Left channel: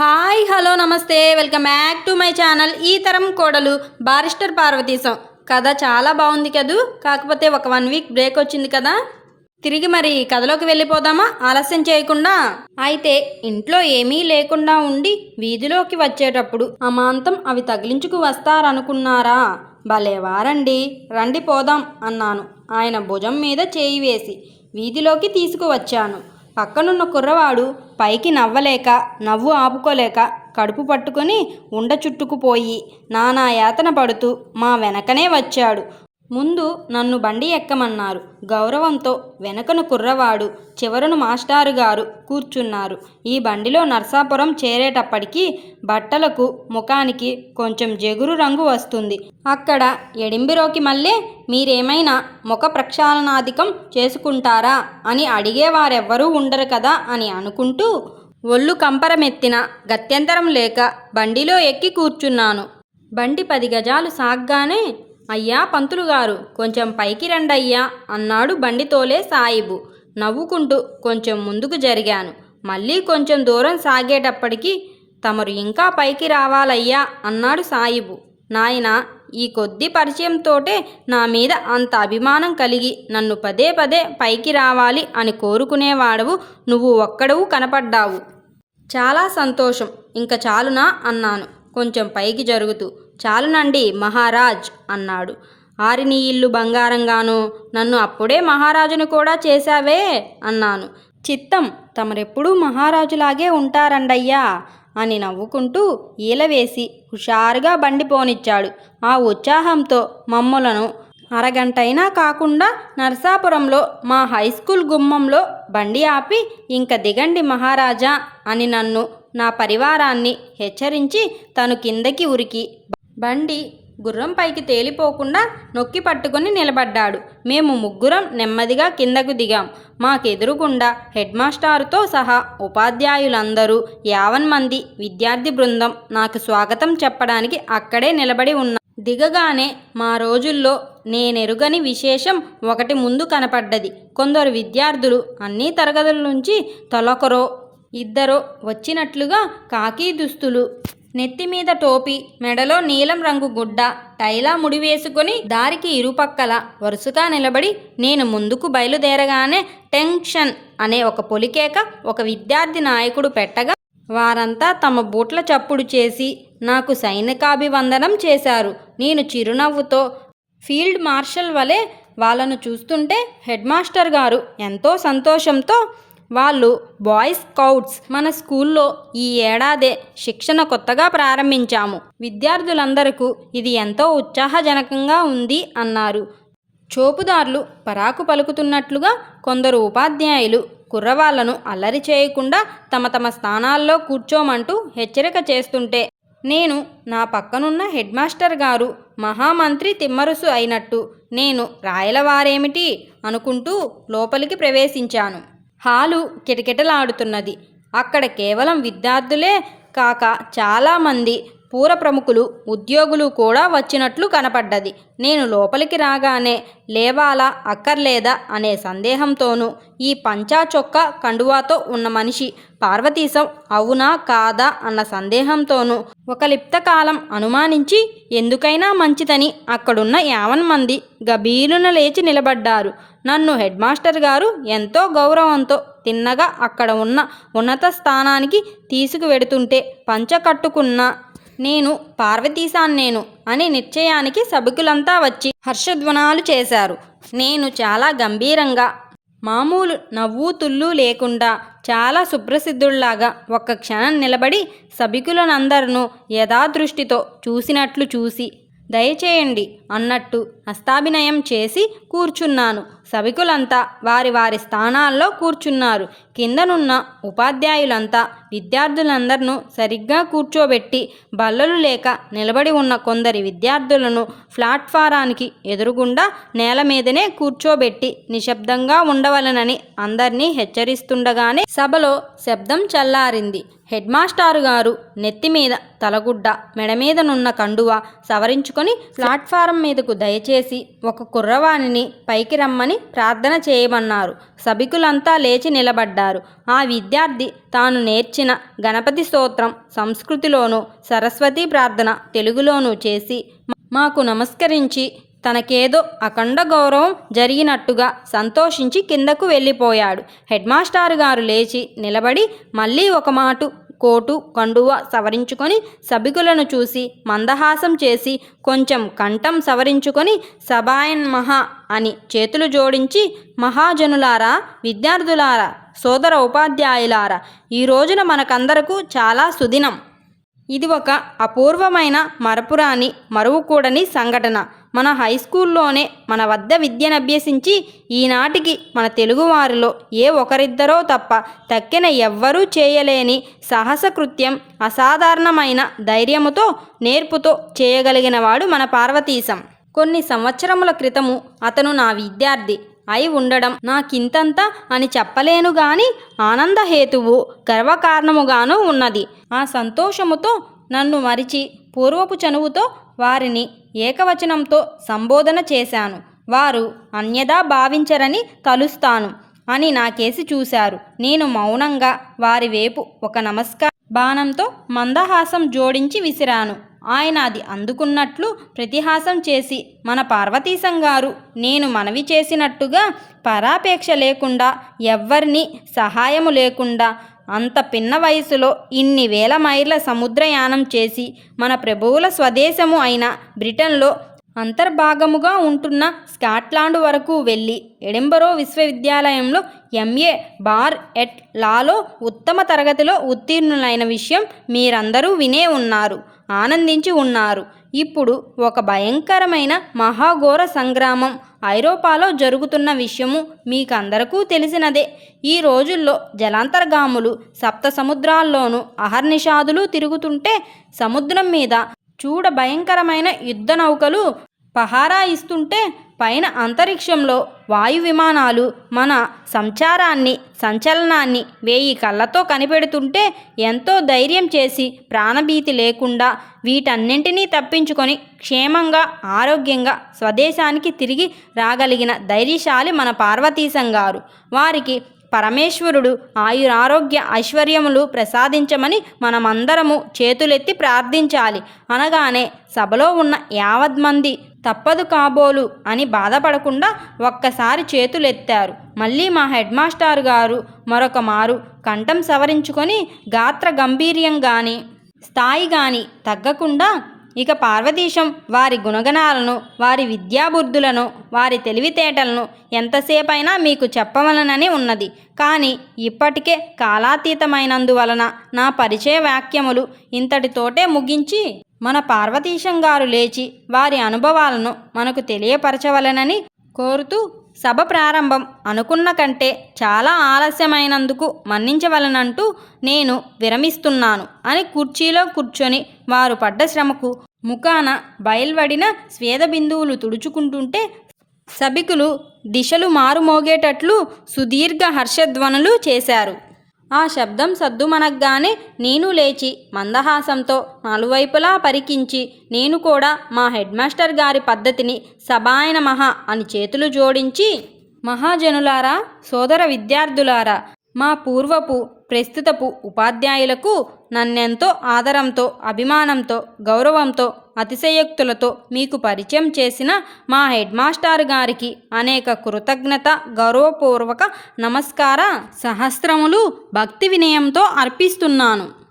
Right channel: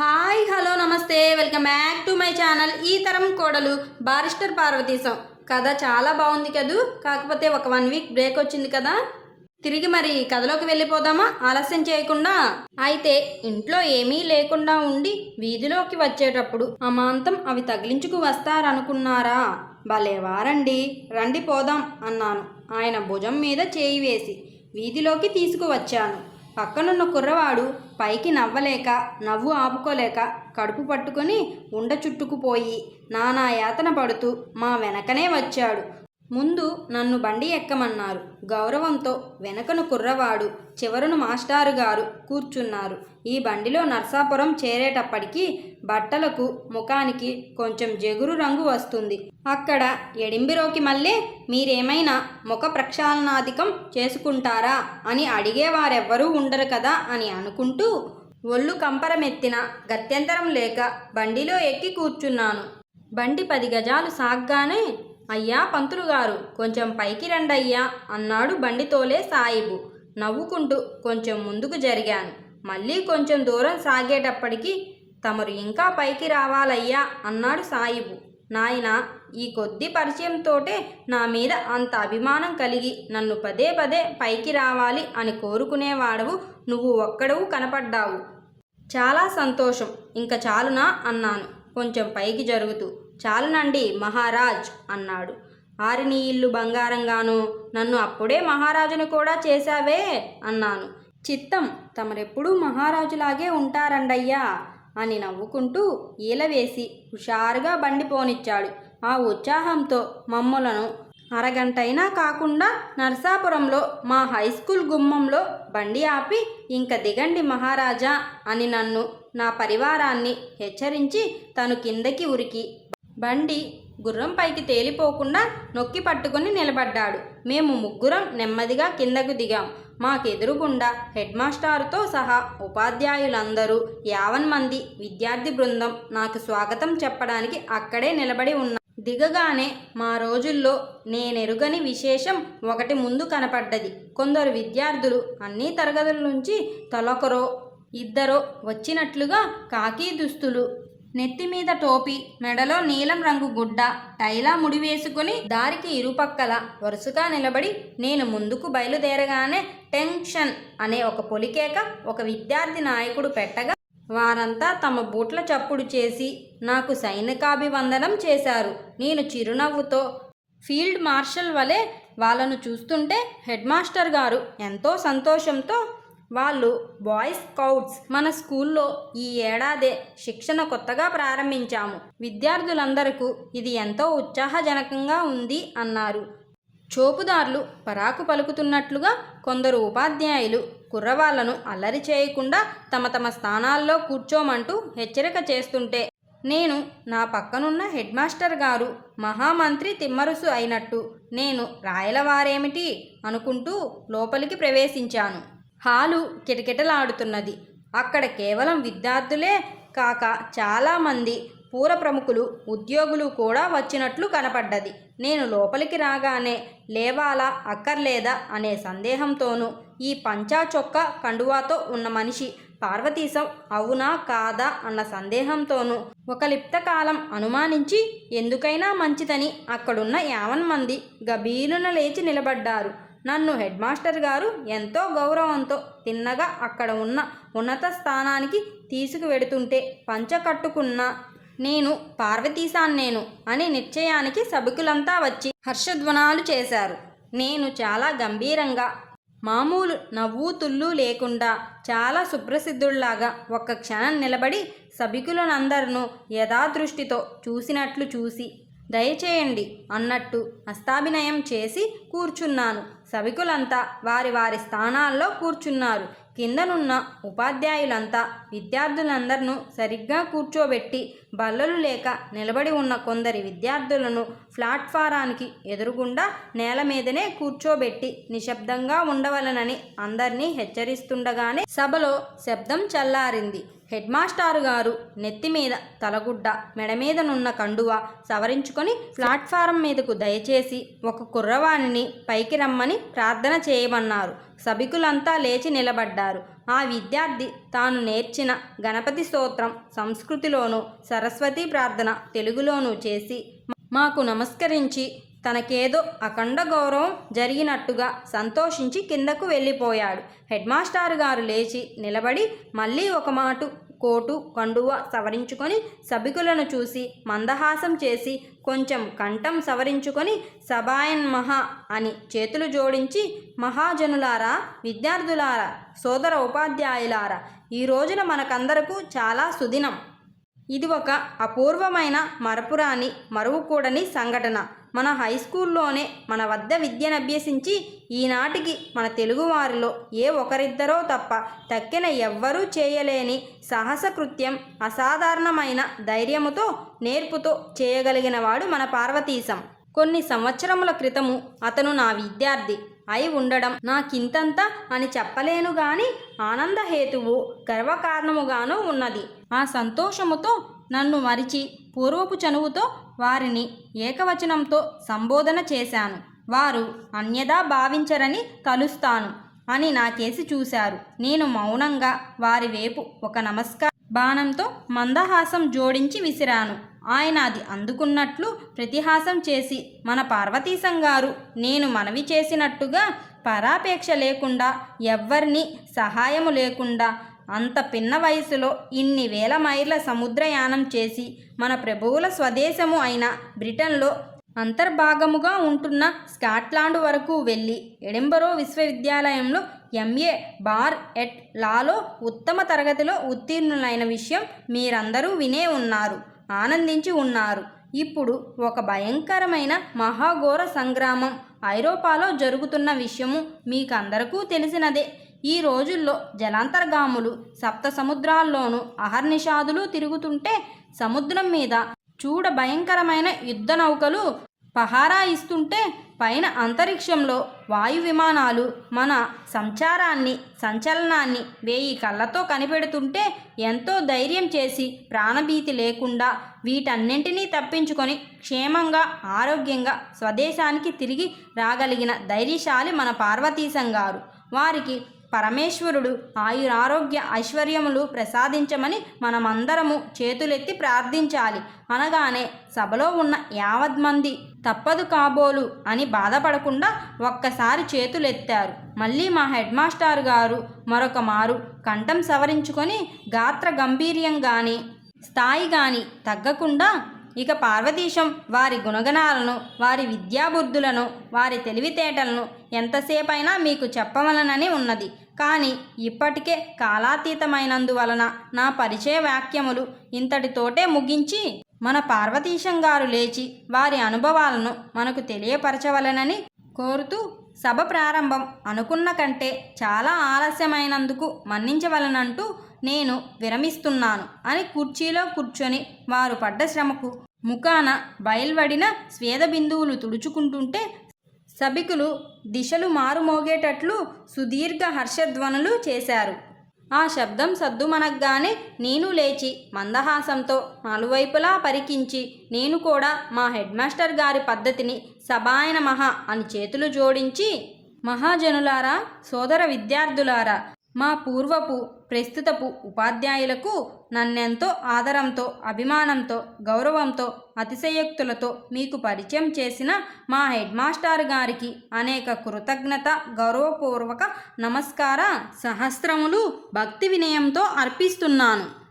Hi hello నమస్తే. Welcome back to my channel ఈ తరం కోడలు బారిస్టర్ పార్వతీశం. కథ చాలా బాగుంది కదూ? కాకపోతే ఒక వన్ వీక్ బ్రేక్ వచ్చింది కదా? తిరిగి మరి కథలోకి వెళ్ళిపోదామా? ఆలస్యం చేయకుండా? అయితే ఇంట్లో ఏమీ లేకుండా ఉండి వీధిలోకి వచ్చేటప్పుడు అమాంతం అవి తగిలించుకు వస్తారనుకున్నారా? భలేవారండి రండి పోదాం అన్నాను. ఆయన భుజం మీద చేయి వేసి వీధిలోకి తీసుకువచ్చాను. పక్కనున్న కుర్రవాడు పైకి నవ్వలేక నవ్వు ఆపుకోలేక కడుపు పట్టుకొని ఉండ చుట్టుకుపోయి నానా యాతన పడుతూ మా వెనకనే వచ్చాడు. ముందు నన్ను బండి ఎక్కమన్నారు. గౌరవంతో వెనకను కుర్రవాడు చివరను మాస్టారు గారు కూర్చున్నారు. ఈ బండిలో నర్సాపురం చేరేటప్పటికి బట్టలకు ముఖానికి కొంచెం జగురు రంగు వస్తుంది. అక్కడ ఎడింబిరోకి మళ్ళీ మీరేమైనా ముఖ ప్రక్షాళనాధికం చేసుకుంటారా అని అడిగేవారెవ్వరూ ఉండరు కదా అని అనుకుంటూ ఒళ్ళు కంపరమెత్తిన గత్యంతరం లేక బండిలో ఎక్కి కూర్చున్నాను. బండి పది గజాలు సాగ్గానే అయ్యా పంతులు గారు కొంచెం పైకి రండయ్యా అన్నాడు బండితోలే సాయిబు. నవ్వుకుంటూ కొంచెం ముందుకు జరిగాను. మళ్ళీ కొంచెం దూరం సాగేటప్పటికి తమరు ఇంకా పైకి రావాలయ్యా అన్నాడు సాయిబు. నాయన ఈ కొద్ది పరిచయంతోటే నా మీద అంత అభిమానం కలిగి నన్ను పదే పదే పైకి రావాలి అని కోరుకునేవాడవు నువ్వు ఒక్కడవు కనపడ్డావు. చాలా సంతోషం. ఇంక చాలునా అన్నాను. కొంచెం పైకి జరుగుతూ చాలునండి మహారాజ్ అన్నాడు. ఆరిని ఇల్లు బంగారంగాను నన్ను అప్పుడే మహారాజుని కూడా చేశావే అన్నాను. చిత్తం తమరెప్పుడూ మహారాజులాగే ఉంటారండయ్యా అని నవ్వుకుంటూ ఈలవేసి హుషారుగా బండి పోనిచ్చాడు. ఆ ఉత్సాహంతో మమ్మలను అరగంటైనా కాకుండా నరసాపురంలో మా హై స్కూల్ గుమ్మంలో బండి ఆపి ఇంక దిగండి మహారాజా అని నన్ను నా పరివారాన్ని హెచ్చరించి తను కిందకి ఉరికి. బండి గుర్రం పైకి తేలిపోకుండా నొక్కి పట్టుకుని నిలబడ్డాడు. మేము ముగ్గురం నెమ్మదిగా కిందకు దిగాం. మాకెదురుగుండా హెడ్ మాస్టారుతో సహా ఉపాధ్యాయులందరూ యావన్ మంది విద్యార్థి బృందం నాకు స్వాగతం చెప్పడానికి అక్కడే నిలబడి ఉన్నా. దిగగానే మా రోజుల్లో నేనెరుగని విశేషం ఒకటి ముందు కనపడ్డది. కొందరు విద్యార్థులు అన్ని తరగతుల నుంచి తొలకరో ఇద్దరో వచ్చినట్లుగా కాకి దుస్తులు. నెత్తి మీద టోపీ మెడలో నీలం రంగు గుడ్డ టైలా ముడివేసుకొని దారికి ఇరుపక్కల వరుసగా నిలబడి నేను ముందుకు బయలుదేరగానే టెన్షన్ అనే ఒక పొలికేక ఒక విద్యార్థి నాయకుడు పెట్టగా వారంతా తమ బూట్ల చప్పుడు చేసి నాకు సైనికాభివందనం చేశారు. నేను చిరునవ్వుతో ఫీల్డ్ మార్షల్ వలె వాళ్ళను చూస్తుంటే హెడ్ మాస్టర్ గారు ఎంతో సంతోషంతో వాళ్ళు బాయ్స్ స్కౌట్స్ మన స్కూల్లో ఈ ఏడాదే శిక్షణ కొత్తగా ప్రారంభించాము. విద్యార్థులందరకు ఇది ఎంతో ఉత్సాహజనకంగా ఉంది అన్నారు. చోపుదారులు పరాకు పలుకుతున్నట్లుగా కొందరు ఉపాధ్యాయులు కుర్రవాళ్ళను అల్లరి చేయకుండా తమ తమ స్థానాల్లో కూర్చోమంటూ హెచ్చరిక చేస్తుంటే నేను నా పక్కనున్న హెడ్ మాస్టర్ గారు మహామంత్రి తిమ్మరుసు అయినట్టు నేను రాయలవారేమిటి అనుకుంటూ లోపలికి ప్రవేశించాను. హాలు కిటకిటలాడుతున్నది. అక్కడ కేవలం విద్యార్థులే కాక చాలామంది పూర ప్రముఖులు ఉద్యోగులు కూడా వచ్చినట్లు కనపడ్డది. నేను లోపలికి రాగానే లేవాలా అక్కర్లేదా అనే సందేహంతోనూ ఈ పంచా చొక్క కండువాతో ఉన్న మనిషి పార్వతీశం అవునా కాదా అన్న సందేహంతోనూ ఒక లిప్తకాలం అనుమానించి ఎందుకైనా మంచిదని అక్కడున్న యావన్ మంది గబీలున లేచి నిలబడ్డారు. నన్ను హెడ్ మాస్టర్ గారు ఎంతో గౌరవంతో తిన్నగా అక్కడ ఉన్న ఉన్నత స్థానానికి తీసుకువెడుతుంటే పంచ కట్టుకున్న నేను పార్వతీశాన్నేను అని నిశ్చయానికి సభికులంతా వచ్చి హర్షధ్వనాలు చేశారు. నేను చాలా గంభీరంగా మామూలు నవ్వు తుళ్ళు లేకుండా చాలా సుప్రసిద్ధుల్లాగా ఒక్క క్షణం నిలబడి సభికులనందరినూ యథాదృష్టితో చూసినట్లు చూసి దయచేయండి అన్నట్టు హస్తాభినయం చేసి కూర్చున్నాను. సభికులంతా వారి వారి స్థానాల్లో కూర్చున్నారు. కిందనున్న ఉపాధ్యాయులంతా విద్యార్థులందరినూ సరిగ్గా కూర్చోబెట్టి బల్లలు లేక నిలబడి ఉన్న కొందరి విద్యార్థులను ప్లాట్ఫారానికి ఎదురుగుండా నేల మీదనే కూర్చోబెట్టి నిశ్శబ్దంగా ఉండవలనని అందరినీ హెచ్చరిస్తుండగానే సభలో శబ్దం చల్లారింది. హెడ్ మాస్టారు గారు నెత్తి మీద తలగుడ్డ మెడ మీదనున్న కండువ సవరించుకొని ప్లాట్ఫారం మీదకు దయచేసి ఒక కుర్రవాణిని పైకి రమ్మని ప్రార్థన చేయమన్నారు. సభికులంతా లేచి నిలబడ్డారు. ఆ విద్యార్థి తాను నేర్చిన గణపతి స్తోత్రం సంస్కృతిలోనూ సరస్వతి ప్రార్థన తెలుగులోనూ చేసి మాకు నమస్కరించి తనకేదో అఖండ గౌరవం జరిగినట్టుగా సంతోషించి కిందకు వెళ్ళిపోయాడు. హెడ్మాస్టారు గారు లేచి నిలబడి మళ్ళీ ఒక మాటు కోటు కండువ సవరించుకొని సభికులను చూసి మందహాసం చేసి కొంచెం కంఠం సవరించుకొని సభాయన్ మహా అని చేతులు జోడించి మహాజనులారా విద్యార్థులారా సోదర ఉపాధ్యాయులారా ఈ రోజున మనకందరకు చాలా సుదినం. ఇది ఒక అపూర్వమైన మరపురాని మరువుకూడని సంఘటన. మన హై స్కూల్లోనే మన వద్ద విద్యనభ్యసించి ఈనాటికి మన తెలుగువారిలో ఏ ఒకరిద్దరో తప్ప తక్కిన ఎవ్వరూ చేయలేని సాహస కృత్యం అసాధారణమైన ధైర్యముతో నేర్పుతో చేయగలిగినవాడు మన పార్వతీశం. కొన్ని సంవత్సరముల క్రితము అతను నా విద్యార్థి అయి ఉండడం నాకింతంత అని చెప్పలేను గాని ఆనందహేతువు గర్వకారణముగాను ఉన్నది. ఆ సంతోషముతో నన్ను మరిచి పూర్వపు చనువుతో వారిని ఏకవచనంతో సంబోధన చేశాను. వారు అన్యదా భావించరని తలుస్తాను అని నా కేసి చూశారు. నేను మౌనంగా వారి వైపు ఒక నమస్కార బాణంతో మందహాసం జోడించి విసిరాను. ఆయన అది అందుకున్నట్లు ప్రతిహాసం చేసి మన పార్వతీశం గారు నేను మనవి చేసినట్టుగా పరాపేక్ష లేకుండా ఎవ్వరిని సహాయము లేకుండా అంత పిన్న వయసులో ఇన్ని వేల మైళ్ళ సముద్రయానం చేసి మన ప్రభువుల స్వదేశము అయిన బ్రిటన్లో అంతర్భాగముగా ఉంటున్న స్కాట్లాండ్ వరకు వెళ్ళి ఎడింబరో విశ్వవిద్యాలయంలో ఎంఏ బార్ ఎట్ లాలో ఉత్తమ తరగతిలో ఉత్తీర్ణులైన విషయం మీరందరూ వినే ఉన్నారు ఆనందించి ఉన్నారు. ఇప్పుడు ఒక భయంకరమైన మహాఘోర సంగ్రామం ఐరోపాలో జరుగుతున్న విషయము మీకందరకూ తెలిసినదే. ఈ రోజుల్లో జలాంతర్గాములు సప్త సముద్రాల్లోనూ అహర్నిషాదులు తిరుగుతుంటే సముద్రం మీద చూడ భయంకరమైన యుద్ధ నౌకలు పహారా ఇస్తుంటే పైన అంతరిక్షంలో వాయు విమానాలు మన సంచారాన్ని సంచలనాన్ని వేయి కళ్ళతో కనిపెడుతుంటే ఎంతో ధైర్యం చేసి ప్రాణభీతి లేకుండా వీటన్నింటినీ తప్పించుకొని క్షేమంగా ఆరోగ్యంగా స్వదేశానికి తిరిగి రాగలిగిన ధైర్యశాలి మన పార్వతీశం గారు. వారికి పరమేశ్వరుడు ఆయురారోగ్య ఐశ్వర్యములు ప్రసాదించమని మనమందరము చేతులెత్తి ప్రార్థించాలి. అనగానే సభలో ఉన్న యావద్మంది తప్పదు కాబోలు అని బాధపడకుండా ఒక్కసారి చేతులెత్తారు. మళ్ళీ మా హెడ్ మాస్టర్ గారు మరొక మారు కంఠం సవరించుకొని గాత్ర గంభీర్యం కానీ స్థాయి కానీ తగ్గకుండా ఇక పార్వతీశం వారి గుణగణాలను వారి విద్యాబుద్ధులను వారి తెలివితేటలను ఎంతసేపైనా మీకు చెప్పవలనని ఉన్నది. కానీ ఇప్పటికే కాలాతీతమైనందువలన నా పరిచయ వాక్యములు ఇంతటితోటే ముగించి మన పార్వతీశం గారు లేచి వారి అనుభవాలను మనకు తెలియపరచవలనని కోరుతూ సభ ప్రారంభం అనుకున్న కంటే చాలా ఆలస్యమైనందుకు మన్నించవలనంటూ నేను విరమిస్తున్నాను అని కుర్చీలో కూర్చొని వారు పడ్డ శ్రమకు ముఖాన బయల్వడిన స్వేద బిందువులు తుడుచుకుంటుంటే సభికులు దిశలు మారుమోగేటట్లు సుదీర్ఘ హర్షధ్వనులు చేశారు. ఆ శబ్దం సద్దుమనగ్గానే నేను లేచి మందహాసంతో నలువైపులా పరికించి నేను కూడా మా హెడ్ మాస్టర్ గారి పద్ధతిని సభాయన మహా అని చేతులు జోడించి మహాజనులారా సోదర విద్యార్థులారా మా పూర్వపు ప్రస్తుతపు ఉపాధ్యాయులకు నన్నెంతో ఆదరంతో అభిమానంతో గౌరవంతో అతిశయోక్తులతో మీకు పరిచయం చేసిన మా హెడ్ మాస్టర్ గారికి అనేక కృతజ్ఞత గౌరవపూర్వక నమస్కార సహస్రములు భక్తి వినయంతో అర్పిస్తున్నాను.